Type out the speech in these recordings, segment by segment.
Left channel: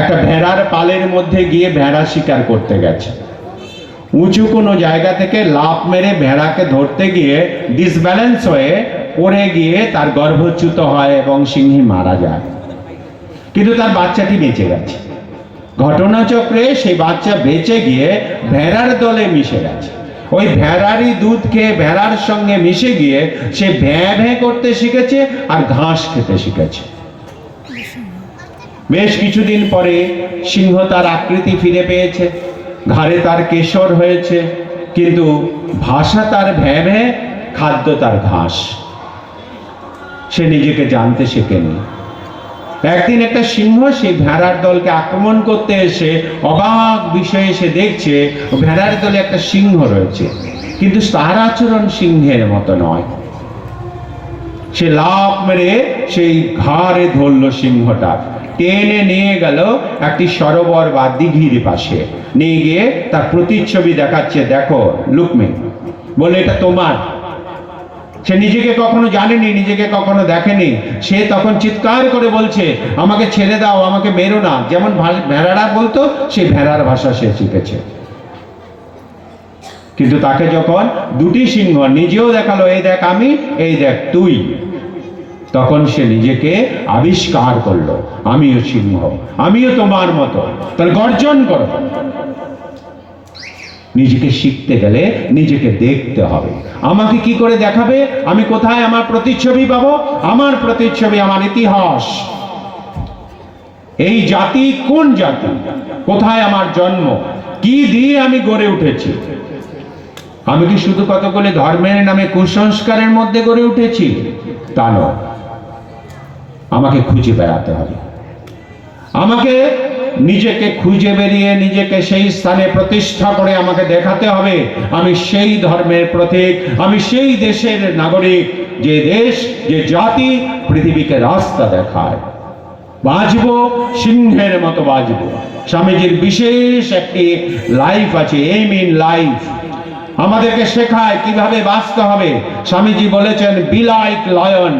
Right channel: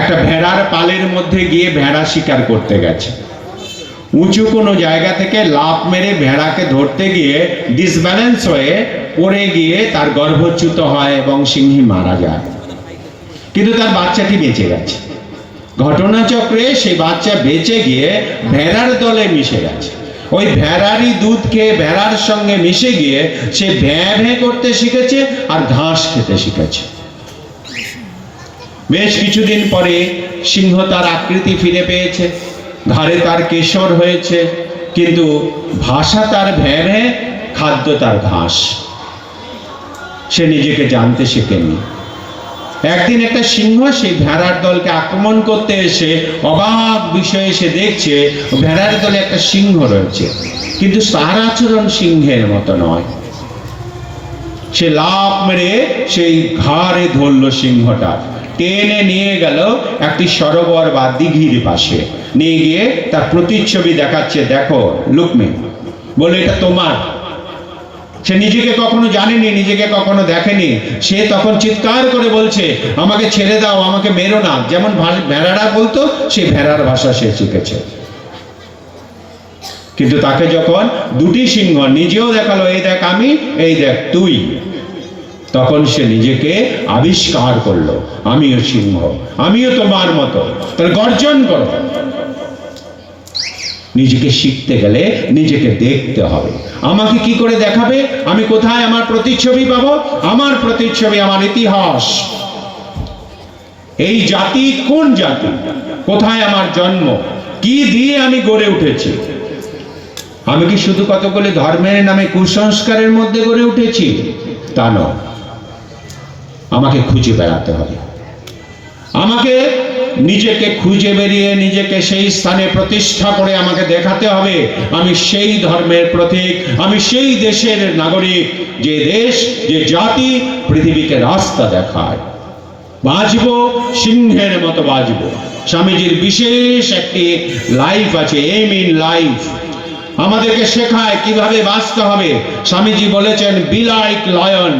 একটা ভেড়ার পালের মধ্যে গিয়ে ভেড়া শিকার করতে গেছে। উঁচু কোনো জায়গা থেকে লাফ মেরে ভেড়াকে ধরতে গিয়ে ডিসব্যালেন্স হয়ে পড়ে গিয়ে তার গর্ভচ্যুত হয় এবং সিংহী মারা যায়। কিন্তু তার বাচ্চাটি বেঁচে গেছে। ঘটনাচক্রে সেই বাচ্চা বেঁচে গিয়ে ভেড়ার দলে মিশে গেছে। ওই ভেড়ারই দুধ খেয়ে ভেড়ার সঙ্গে মিশে গিয়ে সে ভ্যাঁ ভ্যাঁ করতে শিখেছে আর ঘাস খেতে শিখেছে। বেশ কিছুদিন পরে সিংহ তার আকৃতি ফিরে পেয়েছে। ঘাড়ে তার কেশর হয়েছে, কিন্তু ভাষা তার ভ্যাঁ ভ্যাঁ খাদ্য তার ঘাস। সে নিজেকে জানতে শেখেনি। একদিন একটা সিংহ সেই ভেড়ার দলকে আক্রমণ করতে এসে অবাক বিষয়ে সে দেখছে, ভেড়ার দলে একটা সিংহ রয়েছে। কিন্তু তার আচরণ সিংহের মতো নয়। সে লাফ মেরে সেই ঘাড়ে ধরল সিংহটা। টেনে নিয়ে গেল একটি সরোবর বা দিঘির পাশে। নিয়ে গিয়ে তার প্রতিচ্ছবি দেখাচ্ছে, দেখো, লুকমে, বলে, এটা তোমার। সে নিজেকে কখনো জানেনি, নিজেকে কখনো দেখেনি। সে তখন চিৎকার করে বলছে, আমাকে ছেড়ে দাও, আমাকে মেরো না। যেমন ভেড়ারা বলতো, সেই ভেড়ার ভাষা সে শিখেছে। কিন্তু তাকে যখন দুটি সিংহ নিজেও দেখাল, এই দেখ আমি, এই দেখ তুই। তখন সে নিজেকে আবিষ্কার করল। আমিও সিংহ, আমিও তোমার মতো। তাহলে গর্জন করো। নিজেকে শিখতে গেলে নিজেকে দেখতে হবে। আমাকে কি করে দেখাবে? আমি কোথায় আমার প্রতিচ্ছবি পাব? আমার প্রতিচ্ছবি, আমার ইতিহাস। এই জাতি কোন জাতি? কোথায় আমার জন্ম? কি দিয়ে আমি গড়ে উঠেছি? আমি কি শুধু কতগুলি ধর্মের নামে কুসংস্কারের মধ্যে গড়ে উঠেছি? তা নয়। আমাকে খুঁজে বেড়াতে হবে। আমাকে নিজেকে খুঁজে বেরিয়ে নিজেকে সেই স্থানে প্রতিষ্ঠা করে আমাকে দেখাতে হবে। আমি সেই ধর্মের প্রতীক, আমি সেই দেশের নাগরিক, যে দেশ, যে জাতি পৃথিবীকে রাস্তা দেখায়। বাঁচব সিংহের মতো বাঁচব স্বামীজির বিশেষ একটি লাইফ আছে এম ইন লাইফ আমাদেরকে শেখায় কীভাবে বাঁচতে হবে। স্বামীজি বলেছেন বি লাইক লায়ন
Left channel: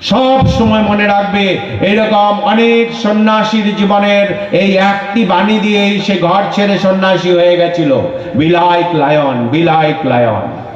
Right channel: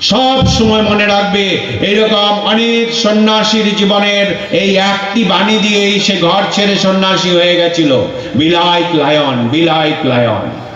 সব সময় মনে রাখবে এইরকম অনেক সন্ন্যাসীর জীবনের এই একটি বাণী দিয়েই সে ঘর ছেড়ে সন্ন্যাসী হয়ে গেছিল। Be like lion be like lion.